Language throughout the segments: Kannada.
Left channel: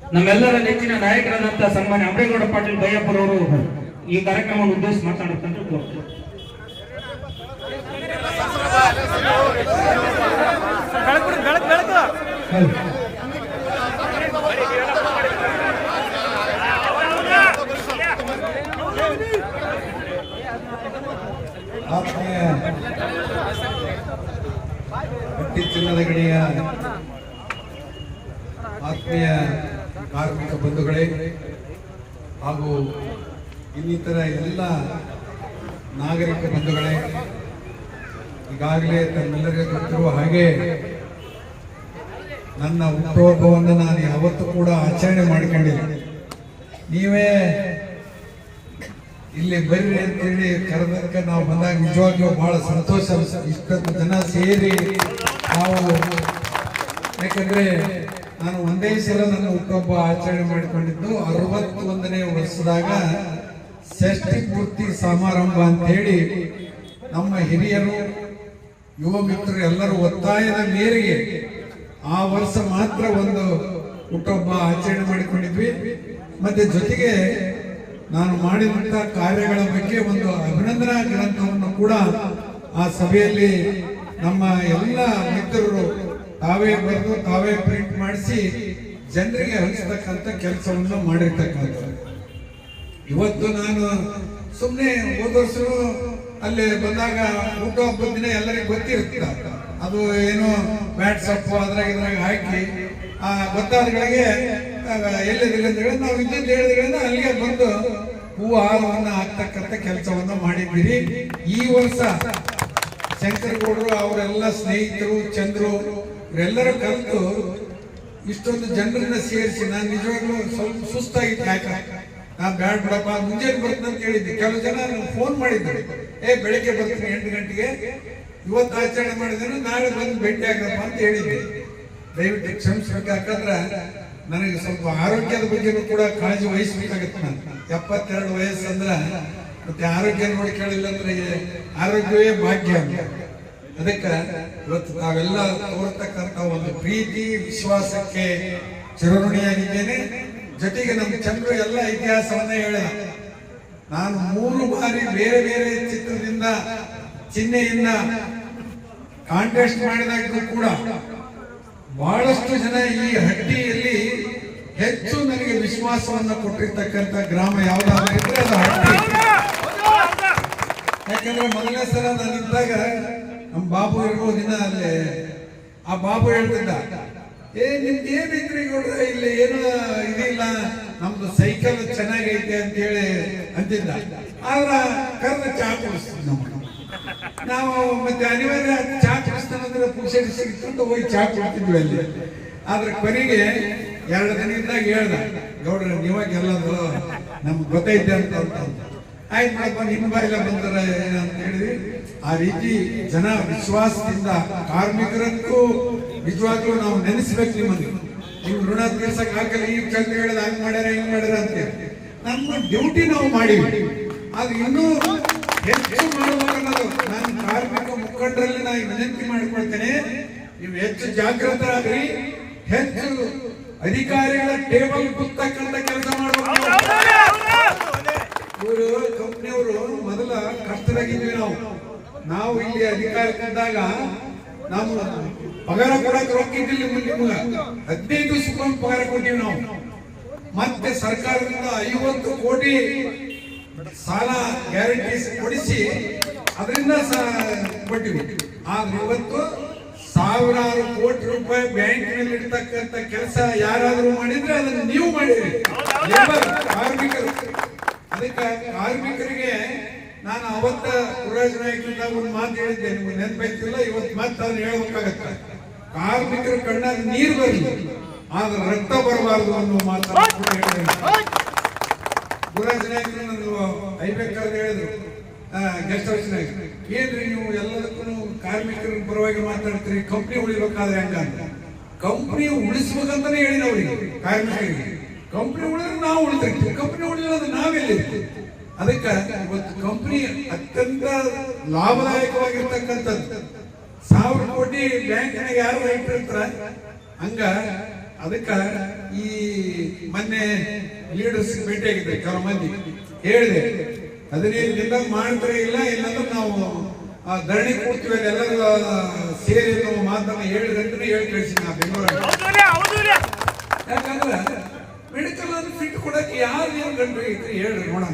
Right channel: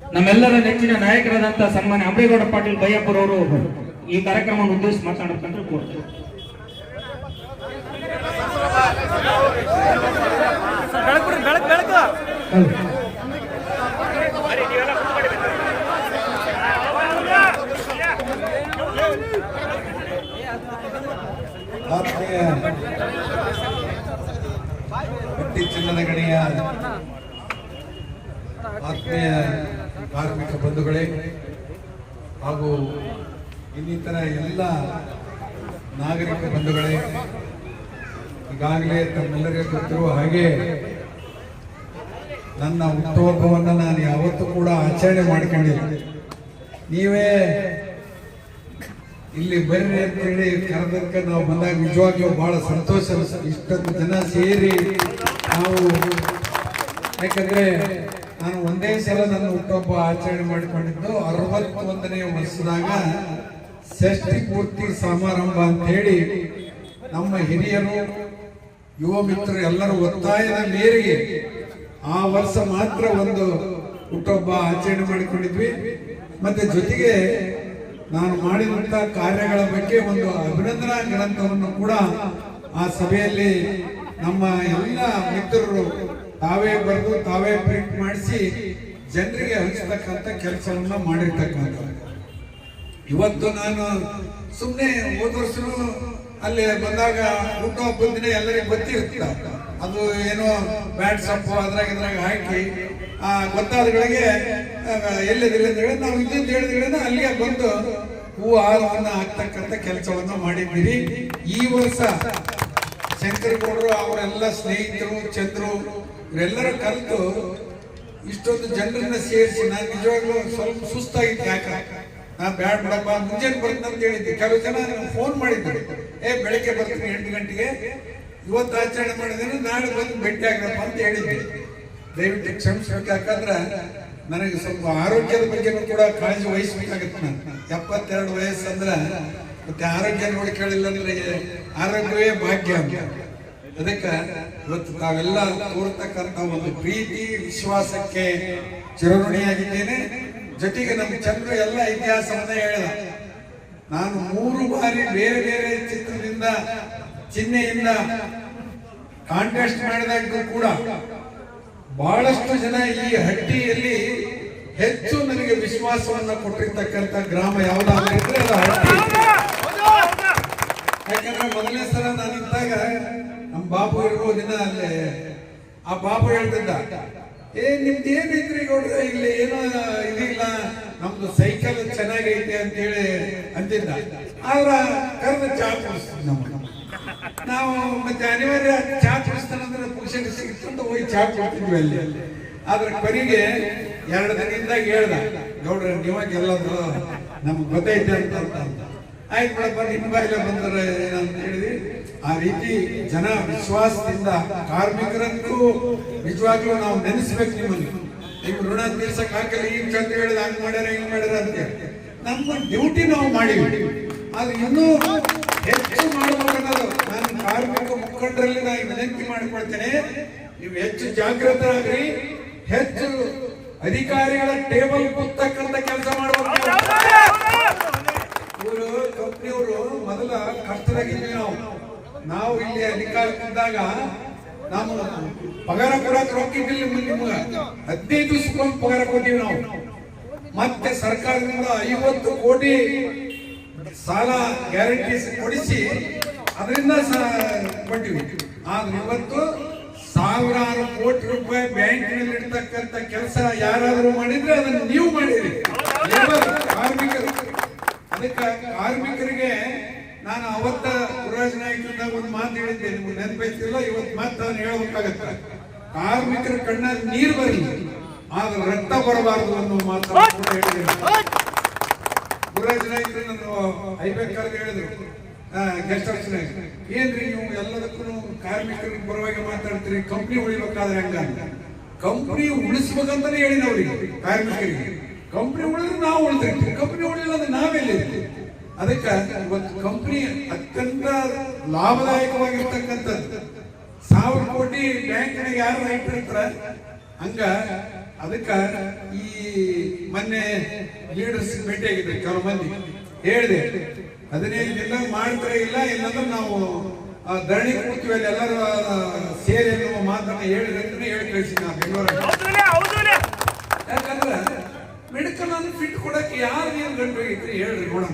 ನಮ್ಮೆಲ್ಲರ ನೆಚ್ಚಿನ ನಾಯಕರಾದಂತ ಸನ್ಮಾನ್ಯ ಅಂಬೇಗೌಡ ಪಾಟೀಲ್ ಬೈಯಪ್ಪರವರು ಈ ಕಾರ್ಯಕ್ರಮವನ್ನು ಉದ್ದೇಶಿಸಿ ಮಾತನಾಡ್ತಂದ್ರೆ ಕೋರ್ತು ಬೆಳಕು ಬಿಡ್ರಿ ಬೆಳಕು ಬೆಳಕು ಆತ್ಮೀಯ ಗಟ್ಟಿ ಚಿನ್ನದ ಗಣಿಯ ಆತ್ಮೀಯ ಕಾರ್ಮಿಕ ಬಂಧುಗಳೇ ಹಾಗೂ ಇನ್ನಿತರ ಎಲ್ಲ ನಾಗರಿಕ ಬಂಧುಗಳೇ, ಈಗಾಗಲೇ ತಮ್ಮೆಲ್ಲರಿಗೂ ಗೊತ್ತಿರುವ ಹಾಗೆ ನನ್ನ ಹುಟ್ಟುಹಬ್ಬವನ್ನು ನಾನು ಯಾವತ್ತೂ ಕೂಡ ಆಚರಣೆ ಮಾಡ್ಕೊಂಡಿಲ್ಲ. ನೀವೇ ಇಲ್ಲಿ ಬರ್ರಿ ಅಂತೇಳಿ ಕರೆದಕ್ಕೆ ನಾವು ಬಂದಾಗ ನಿಜವಾಗ್ಲೂ ಬಹಳ ಸಂತೋಷ ಇಷ್ಟೊಂದು ಜನ ಸೇರಿ ನಾವು ಯಾಕಂದ್ರೆ ನಾನು ಒಂದೇ ಸಲ ನನ್ನ ಹುಟ್ಟುಹಬ್ಬ ಆಚರಣೆ ಮಾಡಿಕೊಂಡಿದ್ದು ಅರವತ್ತೊಂದನೇ ವರ್ಷದಾಗ ಷಷ್ಠಿ ಪೂರ್ತಿ ಸಮಾರಂಭ ಅಂತ ಹೇಳಿ ನಮ್ಮ ಹಿರಿಯರು, ಯುವ ಮಿತ್ರರು ಎಲ್ಲರೂ ಒತ್ತಾಯದ ಮೇರೆಗೆ ಆ ವರ್ಷ ಮಾತ್ರ ಒಂದು ಹುಟ್ಟುಹಬ್ಬ ಆಚರಣೆ ಮಾಡಿಕೊಂಡಿದ್ವಿ. ಮತ್ತೆ ಜೊತೆಗೆ ನಾನು ಮಾಡಿದಂತ ಕಾರ್ಯಗಳ ಬಗ್ಗೆ ಒಂದು ಅಭಿನಂದನಾ ಗ್ರಂಥವನ್ನು ಕೂಡ ಆ ಸಭೆಯಲ್ಲಿ ನಮ್ಮ ಎಲ್ಲ ಮಿತ್ರರು ತಾವೇ ಬರೆದು ತಾವೇ ಪ್ರಿಂಟ್ ಮಾಡಿಸಿ ಜನರಿಗೆ ಹಂಚತಕ್ಕಂಥ ಕೆಲಸವನ್ನು ಮಾಡಿರ್ತಕ್ಕಂಥ ಇವತ್ತು ನಾನು ಸುಮ್ಮನೆ ವರ್ಷನೂ ಅಲ್ಲಿ ಬಂದಾಗ ಊಟ ಬಂದಿನ ದಿನ ಎಲ್ಲರಿಗೂ ಗೊತ್ತಿರುತ್ತ. ಅದು ಏನೋ ವ್ಯಾಟ್ಸಪ್ ಅದ್ರಾಗ ಇದ್ರಾಗ ಹಾಕಿ, ಆ ಗೊತ್ತಾದಗಳಿಗೆ ಹೇಳಿ ನಾವು ಇದ್ದಂತ ಹೇಳಿದ್ರೆ ಅಲ್ಲಿಗೆ ಬಂದು ಹೂ ಆಳವನ್ನು ಹಾಕ್ತಕ್ಕಂಥ ಕೆಲಸವನ್ನು ಮಾಡಿದ್ದೀರಿ. ಈ ವರ್ಷ ಶಂಕರಗೌಡರು ಅವರೆಲ್ಲ ಸ್ನೇಹಿತರು, ಚಂದ್ರು, ಇವರೆಲ್ಲರೂ ಕಲಿತು ಇಷ್ಟೊಂದು ಜನರನ್ನ ಸೇರಿಸಿ, ನಾನು ನಿಜವಾಗ್ಲೂ ಸ್ವಲ್ಪ ಸುಸ್ತಾಗಿತ್ತು ಯಾಕೆ? ನಾನು ಬ್ಯಾಡ್ ಬಿಡಪ್ಪ, ಮುಂಜಾನೆ ಬರ್ತೀನಿ ಅಂತ ಹೇಳಿದ್ದೆ. ಕೆಲವು ಜನ ಫೋನ್ ಮಾಡಿದ್ರು. ಏ, ಬೆಳಗ್ಗೆ ಬರ್ತೀನಿ ಎಂಟು ಗಂಟೆಗೆ. ಇವತ್ತು ಆಚರಣೆ ಮಾಡಿದ್ರು, ನಾಳೆ ಬಂದು ಭೇಟಿ ಆಗಪ್ಪ ಅಂತ ಹೇಳಿದ್ದೆ. ದಯವಿಟ್ಟು ಕ್ಷಮಿಸ್ಬೇಕು, ಯಾಕಂದ್ರೆ ನನಗೆ ಸ್ವಲ್ಪ ಆರೋಗ್ಯದ ಬಗ್ಗೆ ಕೂಡ ಕಾಳಜಿ ವಹಿಸ್ಬೇಕಾಗತ್ತೆ ನಾನು ಎಪ್ಪತ್ತೆರಡು ವಯಸ್ಸು ಅಂದ್ರೆ ಮತ್ತೆ ಆರೋಗ್ಯ ನೋಡಿಕೊಳ್ಳಿಲ್ಲ ಅಂದ್ರೆ ಆರೋಗ್ಯವೇ ಭಾಗ್ಯ ಅಂತ. ಅದಕ್ಕೆ ಇವತ್ತು ನಾವೆಲ್ಲ ತೋರ್ತಕ್ಕಂಥ ಒಂದು ಪ್ರೀತಿ, ವಿಶ್ವಾಸಕ್ಕೆ ಚಿರಋಣಿಯಾಗಿದ್ದೇನೆ. ಜೊತೆಗೆ ನಮ್ಮ ಚಂದ್ರು ಎಲ್ಲ ಇತಿಹಾಸವನ್ನ ಹೇಳಿದ ನಾನು ಮೂರು ಬಾರಿ ಬೇರೆ ಬೇರೆ ಚಿತ್ರದಿಂದ, ಚಿಹ್ನೆಯಿಂದ ಕಾಂಟೆಸ್ಟ್ ಮಾಡಿದಾಗೂ ಕೂಡ ಬಹಳಷ್ಟು ಜನ ಈ ಹಟ್ಟಿಯಲ್ಲಿ ಹೆಚ್ಚು ನನಗೆ ವಿಶ್ವಾಸವನ್ನ ಕೊಟ್ಟಿರ್ತಕ್ಕಂಥ ಗ್ರಾಮ ಯಾವುದಾದ್ರೂ ಇದ್ರೆ ಅದು ಹಟ್ಟಿ. ಯಾಕಂದ್ರೆ ಮೊದಲನೇ ಸಲ ನಾನು ನಮ್ಮ ಬಾಬು ಇರ್ಬೋದಿನ ಅಲ್ಲಿ ಆ ಬಾಬು ಹೇಳ್ತಿದ್ದ, ಏ, ನಿಮ್ದು ಏನೈತ್ರಿ ಗೌಡ್ರೆ? ಇಲ್ಲಿ ಏನೋ ಇದಿಲ್ಲ, ನಮ್ದು ಸೈಕಲ್ ಚೆನ್ನಾಗೈತೆ ಅಂತ ಹೇಳಿ ಅಂತಿದ್ದ. ಆದ್ರ ಕರ್ನ ಚಾ ಕುಡಿಸ್ತೀವಿ ನಮ್ಗೆ. ನಾವು ಮತ್ತೆ ಅನಿವಾರ್ಯ ಚಾ ಕುಡಿಸ್ತಾನಂದ್ರೆ ಅಂದ್ರೆ ಪುರುಷರಿಗೆ ಸಿಗ್ತಂತ ಹೋಗಿ ಚಾ ಕುಡಿತಿದ್ವಿ ಅಲ್ಲಿ. ಆದ್ರೆ ಕೊನೆಗೆ ಎರಡು ದಿನದಿಂದ ಹೇಳ್ದ, ಗೌಡ್ರ ನಿಮಗೆಲ್ಲ ನಮ್ಗೆ ಗೊತ್ತೈತೆ ಅಂತ. ಆಯ್ತು ಬಿಡಪ್ಪ ನಿನ್ನ ಬಾಯಿಲ್ಲ ಬಂದ್ರೆ ಅಂತ ಹೇಳಿದ್ವಿ. ಆ ರೀತಿ ಜನ ವಿಶ್ವಾಸದಿಂದ ಕಾರ್ಮಿಕರಕ್ಕೂ ನಿಜವಾಗ್ಲೂ ನಾವು ನೆನೆಸ್ಬೇಕು ನಿಮ್ಮನ್ನು. ನೀವು ಋಣ ತೀರ್ಸಕ್ ಹಾಕಲ್ಲ ಈಗ ಚಂದ ಹೇಳಿದ ಹಂಗ್ ಮಾಡ್ಯಾರ, ಹಿಂಗ್ ಮಾಡ್ಯಾರ ಅಂತ ನಮ್ಮ ಡ್ಯೂಟಿ ನಾವು ಮಾಡಿ ಅದು ಇನ್ನೂ ಹೆಚ್ಚು ಮಾಡಬಹುದು ನಾನು ಕಾರ್ಮಿಕ ಮುಖಂಡರಲ್ಲಿ ನಾನು ವಿನಂತಿ ಮಾಡಿಕೊಳ್ತೇನೆ, ನೀವು ಹೆಚ್ಚು ಜಾಗೃತರಾಗ್ರಿ ಹೆಚ್ಚು ಅಧಿಕಾರಿಗಳ ಟೇಬಲ್ ಕೂತಕ್ಕಂತ ಕೆಲಸ ಮಾಡಬೇಕು ಇವರು ಕಂಪ್ನಿಯವರು ಮೊದಲ ಕಷ್ಟದಾಗಿದ್ವಿ ನಾವು. ನಾವು ಇಲ್ಲಿ ಅಧಿಕಾರಕ್ಕಿದ್ದಾಗ ನಾವು ಪಗಾರ ಕೊಡಕ್ಕೆ ರೊಕ್ಕಿದ್ದಿಲ್ಲ ನಿಮ್ಗೆ ಹದಿನೈದು ದಿವಸಕ್ಕೊಂದು ಪಗಾರ ಕೊಟ್ಟಿವಿ ನಾವು. ಮತ್ತೆ ಸರ್ಕಾರದಿಂದ ಐವತ್ತು ಕೋಟಿ ಸಾಲ ಗ್ಯಾರಂಟಿ ಕೊಡಿಸಿ ಅದರಿಂದ ಕೊಟ್ಟಿವಿ. ಆದ್ರೆ ಇವತ್ತು ಸಾವಿರಾರು ಕೋಟಿ ರೂಪಾಯಿ ಬ್ಯಾಂಕಿನಲ್ಲಿ ಇಡ್ತಕ್ಕಂಥ ಕೆಲಸ ಯಾರಾದರೂ ಮಾಡಿದ್ರೆ ಅದನ್ನು ನೀವು ಮಾಡಿರಿ. ಕಾರ್ಮಿಕರು. ಅದಕ್ಕೆ ಕಾರ್ಮಿಕರಿಗೆ ನಾನು ಅವತ್ತ ಪುರೋಜನ ಒಂದು ಮಾತು ಹೇಳಿದ್ದೆ. ನಿಮ್ಗೆ ನೆನಪೈತಿಲ್ಲ? ಇವತ್ತು ಮತ್ತೆ ಅವ್ನು ಹೇಳ್ಬೇಕಾಗತ್ತ. ಕಾರ್ಮಿಕರ ಕಣ್ಣಾಗ ನೀರು ಬರಲಿ. ಆದ್ರೆ ರಕ್ತ ಬರಬಾರದು ಅನ್ನೋ ಮಾತು ಕೂಡ ಹೇಳಿದ್ದೀನಿ ಗುರುರಾಜ್ ನಾನು ಐಬೇಕಾದ್ರೆ ಹೇಳಿದ್ರು. ಗೆಸ್ಟ್ ಹೌಸ್ ಏನ್ರಿ ನೀವು ಎಲ್ಲದಕ್ಕೂ ಕಾರ್ಮಿಕರ ಪರವಾಗಿ ಮಾತಾಡ್ತೀರಿ? ಕಂಪ್ನಿ ಉಳಿಬೇಕಾದ್ರೆ ಹಂಗ ಕಂಪ್ನಿ ಉಳಿಸ್ಬೇಕಂತಾನೆ ಹೇಳಿನ ಅವ್ರಿಗೆ ಕಾರ್ಮಿಕರಿಗೆ. ಕಂಪ್ನಿ ಉಳಿದ್ರೆ ನಾವು ಉಳಿದಿರ್ತೀವಿ ಕಂಪ್ನಿ ಉಳಿಲ್ಲ ಅಂದ್ರೆ ನಾವೆಲ್ಲಿರ್ತೀವಿ ಅದಕ್ಕೆ ಇವತ್ತು ಕಂಪ್ನಿ ಅತ್ಯಂತ ಲಾಭದಾಯಕವಾಗಿರ್ತಕ್ಕಂಥದ್ದು. ಸಾವಿರ ಕೋಟಿ ಬ್ಯಾಂಕ್ನಾಗ ಯಾರು ರೈತರು ಇರ್ತಾರ? ಹಂಗ ಅದಕ್ಕೆ ಈ ಮೊನ್ನೆ ಲೀಡರ್ಸ್ ಭೇಟಿಯಾಗಿದ್ರೆ ಕೆಲವು ಮಂದಿ. ಹೇಳಿದೆ ಹದಿನೈದು ದಿನ ಮಾಡ್ತಾರೆ ಇಲ್ಲ? ಇಲ್ಲಾಂದ್ರೆ ನಾವು ಆ, ಧರಣಿ ಕೂಡ್ತೀವಿ ಅಲ್ಲಿ ಎಲ್ಲರೂ ಸೇರಿ ಅನ್ನುವ ಮಾತನ್ನ ಹೇಳಿದ್ರೆ ಹೇಳಿ ಕಳಿಸಿ ನಾವು ಬೆಂಗಳೂರಲ್ಲಿ. ಯಾಕಂದ್ರೆ ಮೆಡಿಕಲ್ ಅನ್ನು ಫಿಟ್ ಕೊಡಕ್ಕೆ ಯಾರು ಏನ್ ಗಂಟು ಐತ್ರಿ ಹೇಳ್ರಿ ನೋಡೋಣ.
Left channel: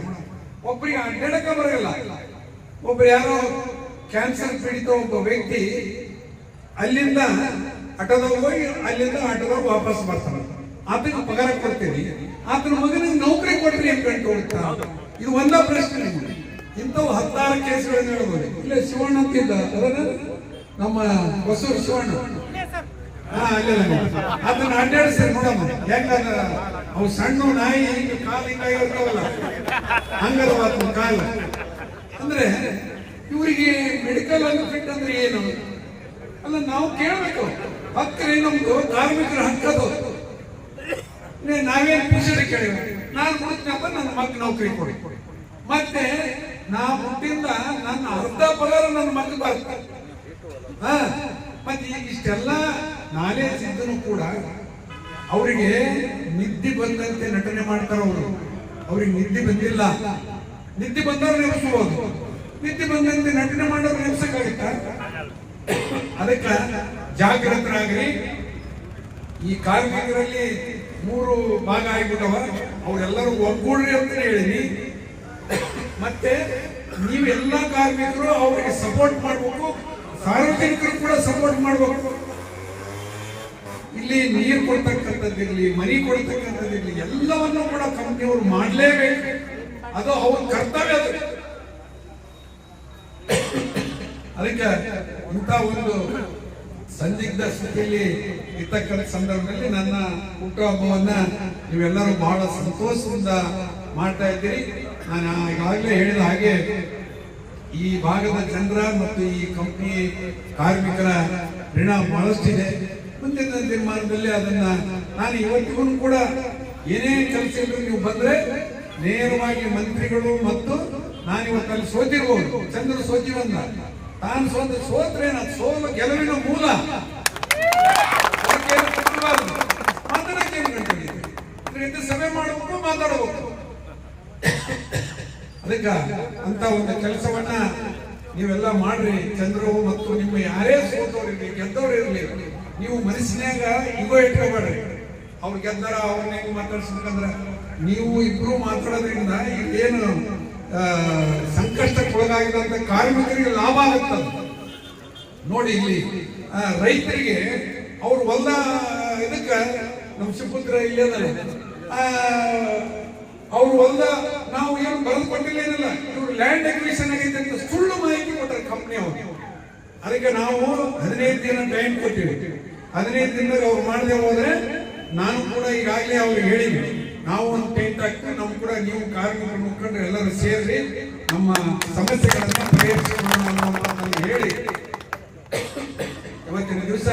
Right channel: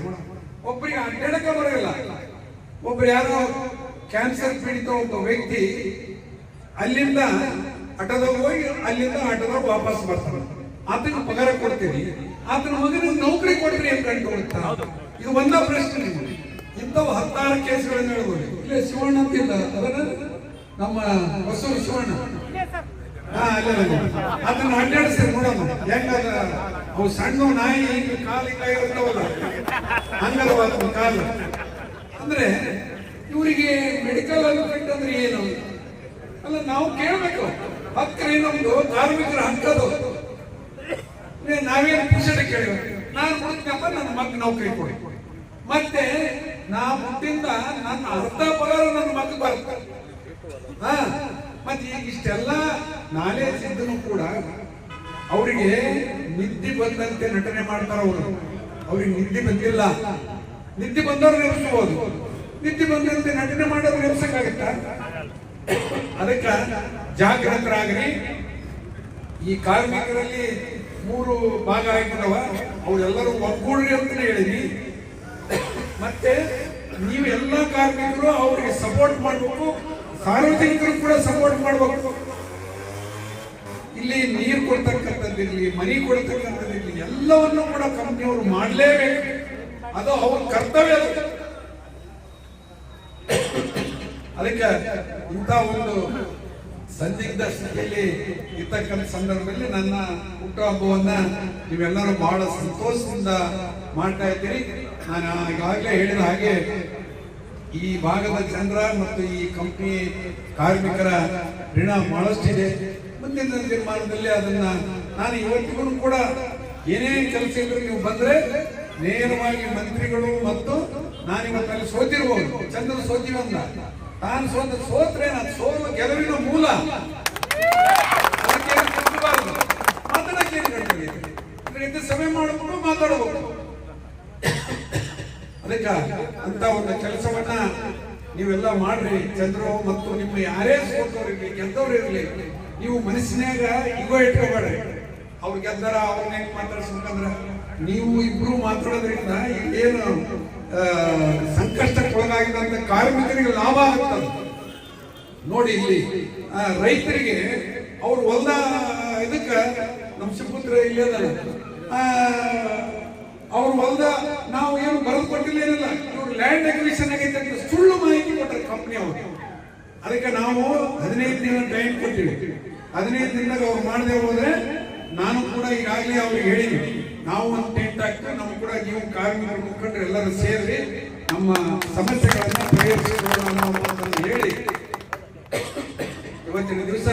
ಒಬ್ಬರಿಗೆ ಅಡ್ಡಾಡಕ ಬರೋಲ್ಲ. ಒಬ್ರು ಯಾರೋ ಕ್ಯಾನ್ಸರ್ ಪೀಡಿತ ಒಬ್ಬ ವ್ಯಕ್ತಿ ಅಲ್ಲಿಂದ ಆಟೋದಾಗ ಹೋಗಿ ಅಲ್ಲಿಂದ ಆಟೋದಾಗ ವಾಪಸ್ ಬರ್ತಾನೆ. ಆತನ ಪಗಾರ ಕೊಡ್ತೀನಿ. ಆತನ ಮಗನಿಗೆ ನೌಕರಿ ಕೊಟ್ರಿ ಏನ್ ಗಂಟು ಕೊಡ್ತಾರ ಇದು ಒಂದ ಪ್ರಶ್ನೆ ಇಂಥವು ಹತ್ತಾರು ಕೇಸ್ಗಳನ್ನ ಹೇಳ್ಬೋದು. ಇಲ್ಲ ಶಿವಣ್ಣ ಅಂತಿದ್ದ ನಮ್ಮ ಬಸವ ಶಿವಣ್ಣ. ಹಾ, ಅಲ್ಲ ಅದನ್ನ ಅಡ್ಡಾಡಿಸಿ ನೋಡಮ್ಮ. ಯಾಕಂದ್ರ ಅವು ಸಣ್ಣ ನಾಯಿ ಹಿಂಗ ಕಾಲು ಇರ್ತಾವಲ್ಲ ಹಂಗಲ್ವಾದ ಕಾಲು. ಅಂದ್ರೆ ಇವರಿಗೆ ಮೆಡಿಕಲ್ ಅಡ್ವೊಕೇಟ್ ಅಂದ್ರೆ ಏನು? ಅಲ್ಲ, ನಾವು ಕೇಳಬೇಕು. ಹಕ್ಕ್ರಿ ನಮ್ದು, ಕಾರ್ಮಿಕರ ಹಕ್ಕದು ನಾವೇನು ಪುಷಣೆ ಕೇಳಿವ ನಾನು ಕೊಡ್ತೀನಪ್ಪ ನನ್ನ ಮಗ ನೌಕರಿ ಕೊಡಿ. ಮತ್ತೆ ನಾ ಮುಟ್ಟಿಂದ ನನ್ನ ಅರ್ಧ ಪಗಾರ ನನ್ನ ಮಗ ಬರ್ತದೆ ಹಾ, ಮತ್ತೆ ಈಗ ಇಷ್ಟೆಲ್ಲ ನಾಲೇಜ್ ಇದ್ದನು ಕೂಡ ಅವರಿಗೆ ನಿದ್ದೆ ಬಂದಂತೆ ನಟನೆ ಮಾಡ್ತಾರ ಅವರು. ಅವ್ರಿಗೆ ನಿದ್ದೆ ಬಂದಿಲ್ಲ. ನಿದ್ದೆ ಬಂದವ್ರು ನೆನೆಸ್ಕೋಬಹುದು ನಿದ್ದೆ ಬಂದಂತೆ ನಟನೆ ಮಾಡೋದು ನೆನೆಸಕ್ಕಾಗತ್ತ? ಅದಕ್ಕ ಜಾಗೃತರಾಗ್ರಿ. ಈ ಕಾರ್ಮಿಕರಲ್ಲಿ ಮೂರು ಭಾಗ ಆಗಿಬಿಟ್ಟವ. ಅವರೆಲ್ಲರೂ ಒಗ್ಗೂಡ್ರಿ ಅಂತ ಹೇಳಿನಿ ಮತ್ತೆ ನೀವು ಎಲ್ಲ ಕಾರ್ಮಿಕರು ಅವರಿಗೆ ಸಪೋರ್ಟ್ ಮಾಡಬೇಕು. ಸಾರ್ವಜನಿಕರು ಕೂಡ ಸಪೋರ್ಟ್ ಮಾಡಬೇಕು. ಇಲ್ಲಿ ನೀರು ಕೊಡ್ತಕ್ಕಂಥದ್ದಿರ್ಲಿ ಮನಿ ಕೊಡ್ತಕ್ಕಂಥದ್ದಿರ್ಲಿ ಎಲ್ಲವನ್ನು ಕೂಡ ಕಂಪ್ನಿಯವರು ಮಾಡಲೇಬೇಕು. ಅದು ಅವ್ರ ಕರ್ತವ್ಯ ಅದು. ಅದಕ್ಕೆ ಇಂಥ ಒಂದು ಸಂದಿಗ್ಧ ಸ್ಥಿತಿಯಲ್ಲಿ ಇರ್ತಕ್ಕಂಥ ಸಂದರ್ಭದಲ್ಲಿ ನನ್ನ ಹುಟ್ಟುಹಬ್ಬವನ್ನ ನೀವೆಲ್ಲರೂ ಬಹಳ ಸಂತೋಷದಿಂದ ಮಾಡ್ತಾ ಇದ್ದೀರಿ. ನಾನು ಈಗಾಗಲೇ ಹೇಳಿದ ಹಾಗೆ ಈ ಭಾಗದ ಜನರ ಮತ್ತು ಈ ಕಂಪ್ನಿ ಕಾರ್ಮಿಕರ ಋಣ ಬಹಳಷ್ಟಿದೆ. ಮುಂದಿನ ನಿರ್ಮಾಣದಲ್ಲಿ ಅದನ್ನ ನಾನು ಇವತ್ತಿಗೂ ಕೂಡ ಏನೇ ಕೆಲಸ ಇದ್ರು ನೀವು ಬಂದ್ರೆ ನೇರವಾಗಿ ಮಂತ್ರಿಗಳು ಮತ್ತು ನಾನು ಇವತ್ತಲ್ಲಿ ಸೋತಿರ್ಬೋದು. ಚಂದ್ರ ಸೋತಿವಲ್ಲ ನಾನು ಸೋತ ಸೋತ್ರೆ ನಾನು ಸೋಲು ಗೆಲುವಿನ ಮೂಲ. ಇದರಿಂದ ಸಭೆ ಮಾಡಬೇಕು ಮಾತಾಡಬೇಕು ಅದಕ್ಕ ಅಂತ ಒಂದು ಕೆಲಸವನ್ನ ನೀವೆಲ್ಲ ಮಾಡ್ರಿ. ಚಂದ್ರವು ಮತ್ತು ನಿಮ್ಮ ಯಾರೇ ಸೋತವ್ರಿರ್ಲಿ ಗೆದ್ದವ್ರು ಇರ್ಲಿ. ನೀವು ಮನಸ್ಸಿನಾಗ ಇಗೋ ಇಟ್ಕೋಬೇಡ್ರಿ. ಅವ್ರು ಗೆದ್ದಾರ ಅವ್ರನ್ನ ಹೆಂಗ್ ಮಾತಾಡ್ಸ್ಬೇಕಂದ್ರ ನೀವು ಇಬ್ರು ಮಾತಾಡೋದ್ರಿಂದ ಸಂಕಷ್ಟಕ್ಕೆ ಸಂಕಷ್ಟಕ್ಕೊಳಗಾಗಿದಂತ ಕಾರ್ಮಿಕರಿಗೆ ಲಾಭ ಆಗುತ್ತ ನೋಡಿ ಇಲ್ಲಿ ರೈತರಿಗೆ ಅವ್ರು ಹೊಲ್ದ ಇದಕ್ಕ ನಮ್ಮ ಸುಪುತ್ರ ಇಲ್ಲಿ ಅವ್ರು ಹೊಲ್ದ ನಾವು ಏನು ಬರೆದು ಕೊಟ್ಟಿಲ್ಲ ಏನಲ್ಲ ಇವ್ರು ಲ್ಯಾಂಡ್ ಎಕ್ವಿಷನ್ ಆಗೈತೆ ಅಂತ ಸುಳ್ಳು ಮಾಹಿತಿ ಕೊಟ್ಟರೆ ಕಂಪ್ನಿ ಅವರು. ಅದಕ್ಕೆ ನಾವು ಹದಿನೈದು ದಿನ ಟೈಮ್ ಕೊಟ್ಟಿವಿ. ಹದಿನೈದು ದಿನದಾಗ ಅವ್ರು ಮಾಡದೆ ಹೋದ್ರೆ ನಾನು ಕೂಡ ಈಗಾಗಲೇ ಅವ್ರಿಗೆ ಹೇಳಿದ್ವಿ. ನಾವು ಒಂದು ಟೆಂಟ್ ಹಾಕ್ತೀವಿ ನಾವು ಕೂಡ ನೀವು ಕಾರ್ಮಿಕರು, ಮುಖಂಡರು ಎಲ್ಲರೂ ಸೇರಿ ನಮ್ಮ ಸಮಸ್ಯೆಗಳನ್ನು ಪರಿಹರಿಸಿಕೊಳ್ಳೋಣ ಅನ್ನೋ ಮಾತನ್ನು ಹೇಳಿ. ಇವತ್ತಿನ ದಿವಸ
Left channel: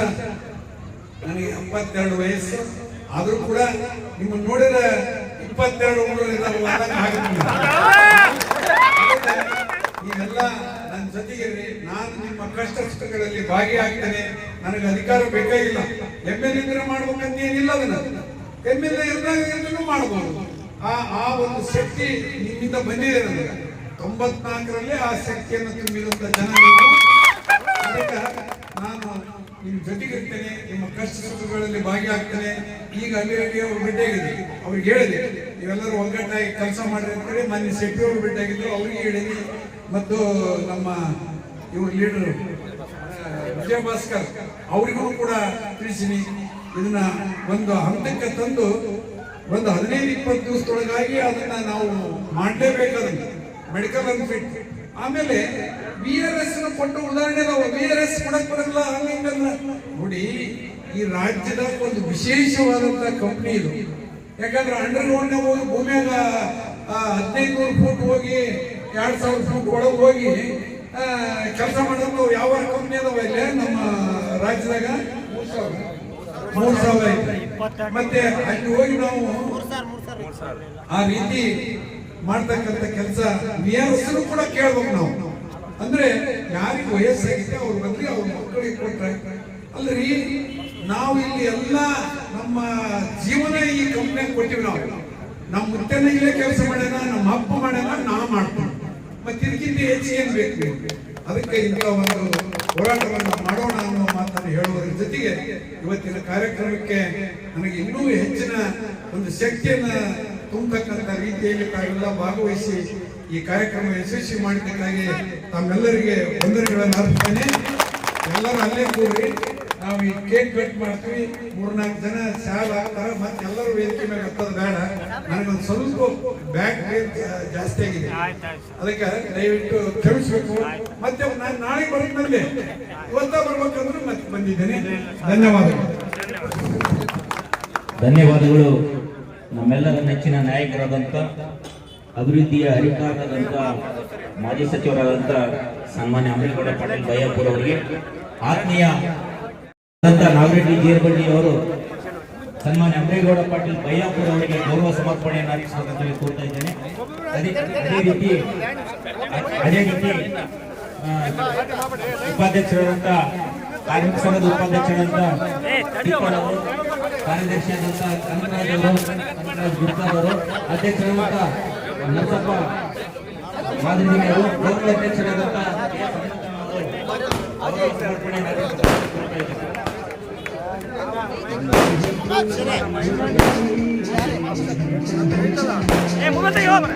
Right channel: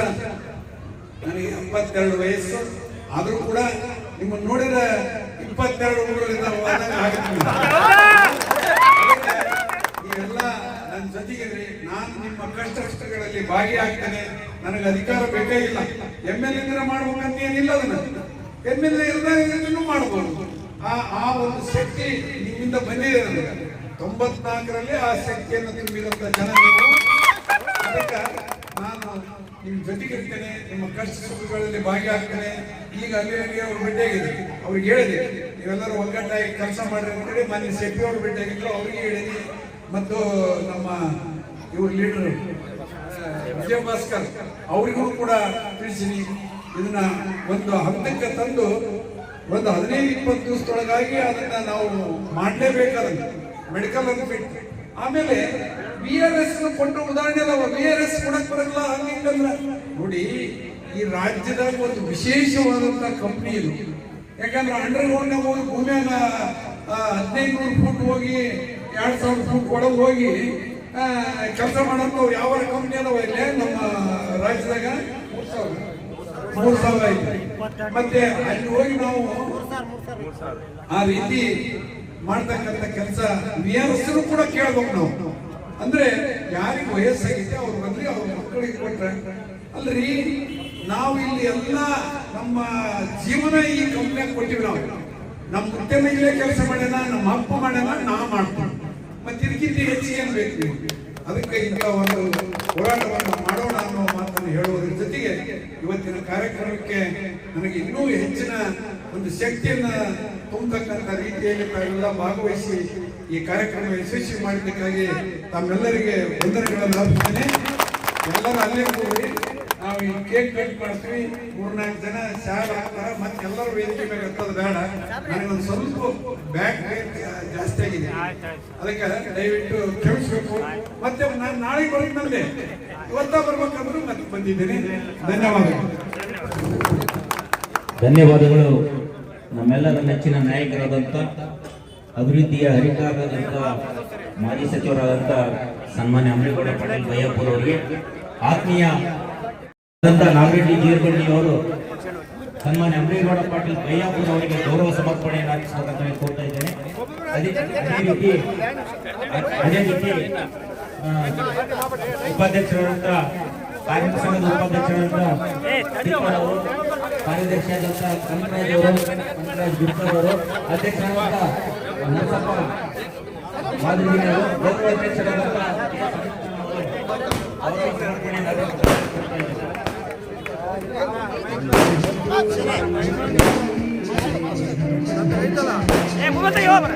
ನನಗೆ ಎಪ್ಪತ್ತೆರಡು ವಯಸ್ಸು. ಆದರೂ ಕೂಡ ನಿಮ್ಮನ್ನು ನೋಡಿದ ಇಪ್ಪತ್ತೆರಡು ಹುಡುಗರಿಂದ ನೀವೆಲ್ಲ ನನ್ನ ಜೊತೆಗೆ ನಾನು ನಿಮ್ಮ ಕಷ್ಟ ಸುಖಗಳಲ್ಲಿ ಭಾಗಿಯಾಗ್ತೇನೆ. ನನಗೆ ಅಧಿಕಾರ ಬೇಕಾಗಿಲ್ಲ ಎಂ ಎಲ್ ಇದ್ರೆ ಮಾಡ್ಬೇಕಂತ ಏನಿಲ್ಲ ಅದನ್ನ. ಎಂ ಎಲ್ ಎ ಮಾಡಬಹುದು ಮಾಡ್ಬೋದು. ಆ ಆ ಒಂದು ಶಕ್ತಿ ನಿಮ್ಮಿಂದ ಬಂದಿದೆ ನನಗೆ. ತೊಂಬತ್ನಾಲ್ಕರಲ್ಲಿ ಆ ಶಕ್ತಿಯನ್ನು ತುಂಬಿದಂತ ಜನ ಅದಕ್ಕೆ ನಾನು ನಿಮ್ಮ ಜೊತೆಗಿರ್ತೇನೆ, ನಿಮ್ಮ ಕಷ್ಟ ಸುಖಗಳಲ್ಲಿ ಭಾಗಿಯಾಗ್ತೇನೆ. ಈಗ ಅಲ್ಲಿ ಅಲ್ಲಿ ಅವ್ರು ಭೇಟಿಯಾಗಿದೆ ಅವ್ರಿಗೆ ಹೇಳಿದೆ, ನೀವೆಲ್ಲರೂ ಒಗ್ಗಟ್ಟಾಗಿ ಕೆಲಸ ಮಾಡ್ರಿ ಅಂತೇಳಿ ಮೊನ್ನೆ ಶೆಟ್ಟಿ ಅವರು ಭೇಟಿಯಾಗಿದ್ರು ಅವ್ರಿಗೆ ಹೇಳಿನಿ ಮತ್ತು ನಮ್ಮ ಇವರು ಲೀಡರ್ ವಿಜಯ ಭಾಸ್ಕರ್ ಅವರಿಗೂ ಕೂಡ ತಿಳಿಸಿನಿ. ಇದನ್ನ ಒಂದು ಹಂತಕ್ಕೆ ತಂದು, ಒಂದು ಹದಿನೈದು, ಇಪ್ಪತ್ತು ದಿವಸದೊಳಗಾಗಿ ಅದನ್ನ ನಾವು ಮಾಡಲೇಬೇಕಾದ ಮೆಡಿಕಲ್ ಬಿಟ್ಟು ಆಮೇಲೆ ಬಿ ಆರ್ ಎಸ್ ಕೊಟ್ಟು ಉದಾಹರಣೆ ನಾವು ಬಿ ಆರ್ ಎಸ್ ಕೊಡಕ್ ಬರಲ್ಲ ಹಂಗಂದ್ರ ನೋಡಿ, ಈ ರಾಜ್ಯದ ಒಂದು ವಿಶೇಷವಾದಂತ ಕಂಪ್ನಿ ಇದು. ಯಾಕಂದ್ರೆ ಅಂಡರ್ ಗ್ರೌಂಡ್ ಹೋಗಿ ಭೂಮಿಯಾಗ ಹದಿನೈದು ನೂರು ಫೂಟ್ ಹೋಗಿ ಎರಡ್ ಸಾವಿರ ಫೂಟ್ ಒಳಗೆ ಹೋಗಿ ಕೆಲಸ ಮಾಡಂತ ಯಾವ ಕಂಪ್ನಿ ಅದಾವ ಇಲ್ಲಿ? ನಮ್ಮ ರಾಜ್ಯದಾಗ? ಮೂರ್ ಸಾವಿರ ಮೂರ್ ಐತೆ. ಮತ್ತೆ ಅಲ್ಲಿ ಹೋಗಿ ನಾವು ಆ ರೀತಿ ಮಾಡ್ತಕ್ಕಂಥ ಕೆಲಸ ಆರ್ ಕೂಡ ಕೇಳ್ಬೇಕು ನಾವು. ಅಂದ್ರೆ ಯಾರಿಗೆ ವಯಸ್ಸಾಗಿದೆ ಅವ್ರ ಬಂದ್ರೆ ಅವ್ರ ಮಕ್ಕಳಿಗೆ ಕೊಟ್ರೆ, ಅಲ್ರಿ, ನಾವು ಇಲ್ಲಿ ಎಲ್ಲ ನಮ್ಮ ಜೀವನ ಈ ಕಂಪ್ನಿಯಾಗ ಕೊಟ್ಟಿವಿ ನಾವು. ನಮ್ಮ ಮುತ್ತೆನ ಇಲ್ಲೇ ಕೆಲಸ ಮಾಡ್ಯಾನ, ನಮ್ಮ ಅಪ್ಪ ಮಾಡ್ಯಾನ, ನಾ ಮಾಡ್ತೀವಿ ಮತ್ತೆ ಇದಕ್ಕಿಂತ ಹೆಚ್ಚು ಏನ್ ಬೇಕು ಅದಕ್ಕೆ ಈಗ ಒಂದು ಹೋರಾಟವನ್ನು ಮಾಡೋಣ ಅನ್ನುವ ಮಾತನ್ನು ಹೇಳುವುದರ ಜೊತೆಗೆ ಇವತ್ತಿನ ಕಾರ್ಯಕ್ರಮಕ್ಕೆ ನನಗೆ ಇನ್ನೂ ಹೆಚ್ಚಿನ ಒಂದು ಶಕ್ತಿಯನ್ನು ತುಂಬತಕ್ಕಂಥ ರೀತಿಯಲ್ಲಿ ತಾವೆಲ್ಲ ಭಾಗವಹಿಸಿ ಈ ಕಾರ್ಯಕ್ರಮ ಯಶಸ್ವಿ ಮಾಡಬೇಕಾಗಿ ತಮ್ಮೆಲ್ಲರಿಗೆ ವಂದನೆಗಳನ್ನು ಅರ್ಪಿಸ್ತೇನೆ. ಎಲ್ಲರೂ ಅಲ್ಲೇ ಕೂಡ್ರಿ ನಾವು ಈ ಕೇಕ್ ಕಟ್ ಮಾಡ್ತೀವಿ. ಮೂರ್ನಾಲ್ಕು ಜನ ಶಾಲೆ ಹಾಕ್ತಾರೆ ಮತ್ತೆ ಎಲ್ಲರೂ ವೇದಿಕೆ ಮೇಲೆ ಹತ್ತೋದು ಬೇಡ. ನನಗೊಂದು ಸ್ವಲ್ಪ ಬ್ಯಾಗ್ ಜಾಸ್ತಿ ಆಗಿದೆ. ಅದಕ್ಕೆ ದಯವಿಟ್ಟು ಕ್ಷಮಿಸ್ಬೇಕು. ಮತ್ತೆ ನಾನು ನಾಳೆ ಬರೋದು ಬಂದೆ ಇವತ್ತ ಬರ್ಬೇಕಂದ್ರೂ ಮತ್ತೆ ಬಂದಿದ್ದೇನೆ. ಧನ್ಯವಾದಗಳು. ಧನ್ಯವಾದಗಳು. ನಮ್ಮೆಲ್ಲರ ನೆಚ್ಚಿನ ನಾಯಕರಾದಂಥ ಅಭಿವೃದ್ಧಿಯ ಹರಿಕಾರರಾದಂಥ ಮಾಜಿ ಸಚಿವರಾದಂಥ ಸನ್ಮಾನ್ಯ ಅಮರೇಗೌಡ ಪಟೇಲ್ ಬಯ್ಯಪ್ಪರ್ ಅವರಿಗೆ ಆತ್ಮೀಯ ನಾಗರೆಡ್ಡಿ ಜೀರಗಡ್ಡಿ ಅವರು ಸನ್ಮಾನ್ಯ ಅಮರೇಗೌಡ ಪಾಟೀಲ್ ಬಯ್ಯಾಪುರ ಅವರಿಗೆ ಗೌರವ ಸಮರ್ಪಣೆಯನ್ನು ಹಾಕಿಸಬೇಕಂತ ಕೋರ್ತಾ ಇದ್ದೇನೆ. ಅದೇ ಅದೇ ರೀತಿ ಅದೇ ರೀತಿ ಉಪಾಧ್ಯಕ್ಷರಾದಂಥ ಕಾರ್ಮಿಕ ಸಂಘದ ಉಪಾಧ್ಯಕ್ಷರಾದಂಥ ಕಾರ್ಯದರ್ಶಿಯಾದಂಥ ಕನಕರಾಜ್ ಅವರು ಕನಕರಾಜ್ ಗುಪ್ತಾ ಅವರು ಅಧ್ಯಕ್ಷರಾದಂಥ ನರಸಪ್ಪ ಮಾದರಿ ಅವರು ಗೌರವ ಅಧ್ಯಕ್ಷರಾದಂಥ ಕೆ. ಪರಮೇಶ್ವರ ಅವರು ಅವರ ಸಮರ್ಪಣೆಯನ್ನು ಕೋರ್ತಾ ಇದ್ದೇನೆ. ಏ ಮೂವತ್ತ ಯಾವ ಗೌಡ್ರ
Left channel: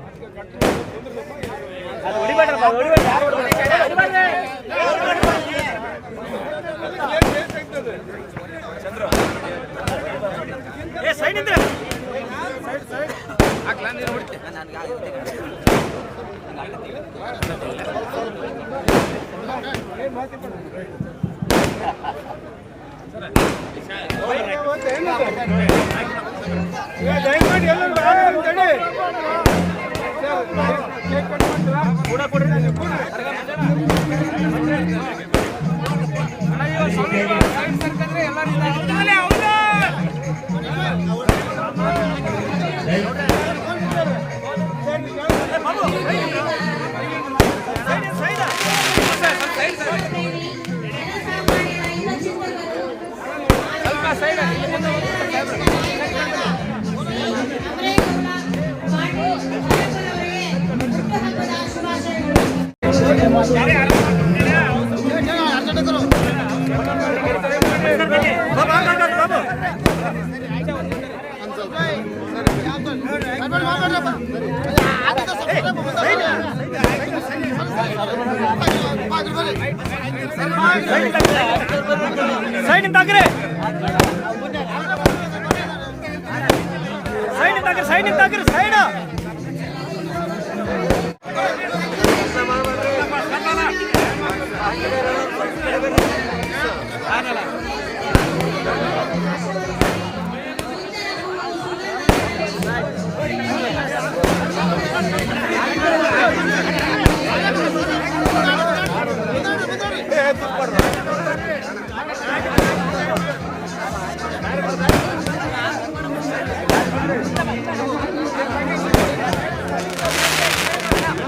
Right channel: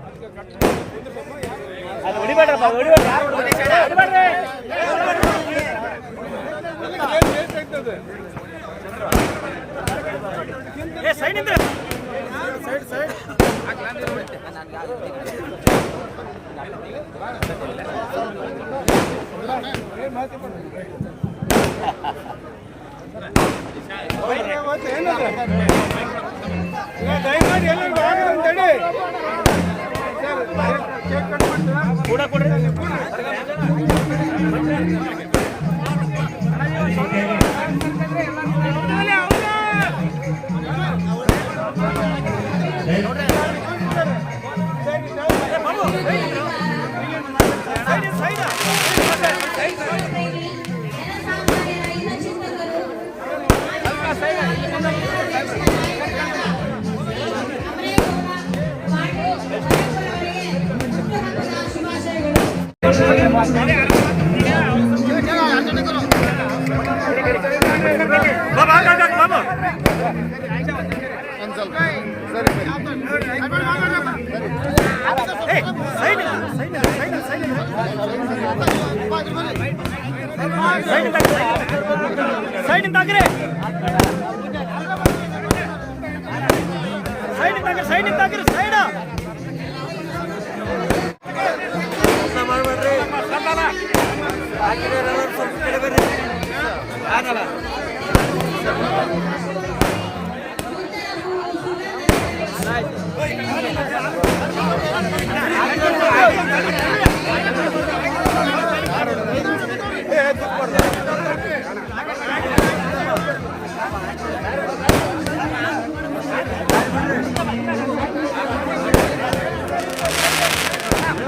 ಲೈಟ್ Pura, pura. ಸೈಡ್ ನಿಂತಾಕ್ರಿ ಸೈಡ್ ನಿಂತಾಕ್ರಿ side ನಿಂತಾಕ್ರಿ side. sana.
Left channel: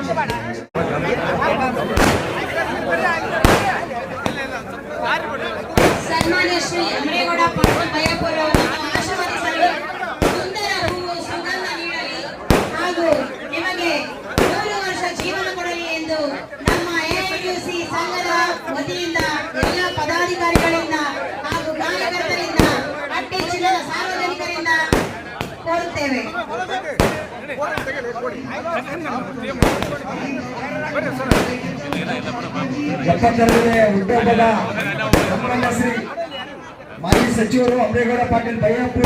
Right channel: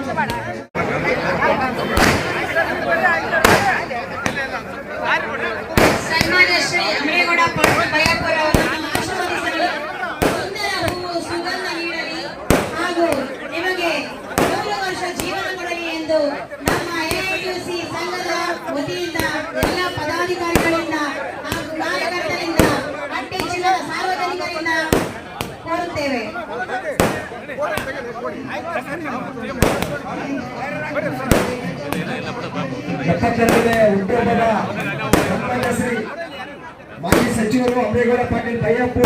Terima kasih telah menonton! Shri ಮಾಜಿ ಸಚಿವರು ಅಮ್ರೇಗೌಡ ಪಾಟೀಲ್ ಬೈಯಪ್ಪು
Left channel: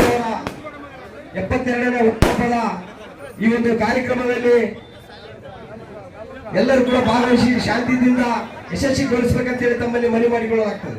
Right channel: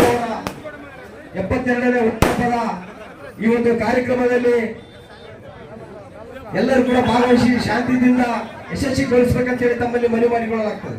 ಎಪ್ಪತ್ತೆರಡನೇ ಹುಟ್ಟುಹಬ್ಬದ ಈ ಒಂದು ಕಾರ್ಯಕ್ರಮದಲ್ಲಿ ಎಲ್ಲರೂ ಕೂಡ ಭಾಗವಹಿಸಿ ಶಾಂತಿಯಿಂದ ಯಶಸ್ವಿಗೊಳಿಸಬೇಕಂತ ಹೇಳಿ ತಮ್ಮಲ್ಲಿ ಮನವಿ ಮಾಡಿಕೊಳ್ಳಲಾಗ್ತದೆ.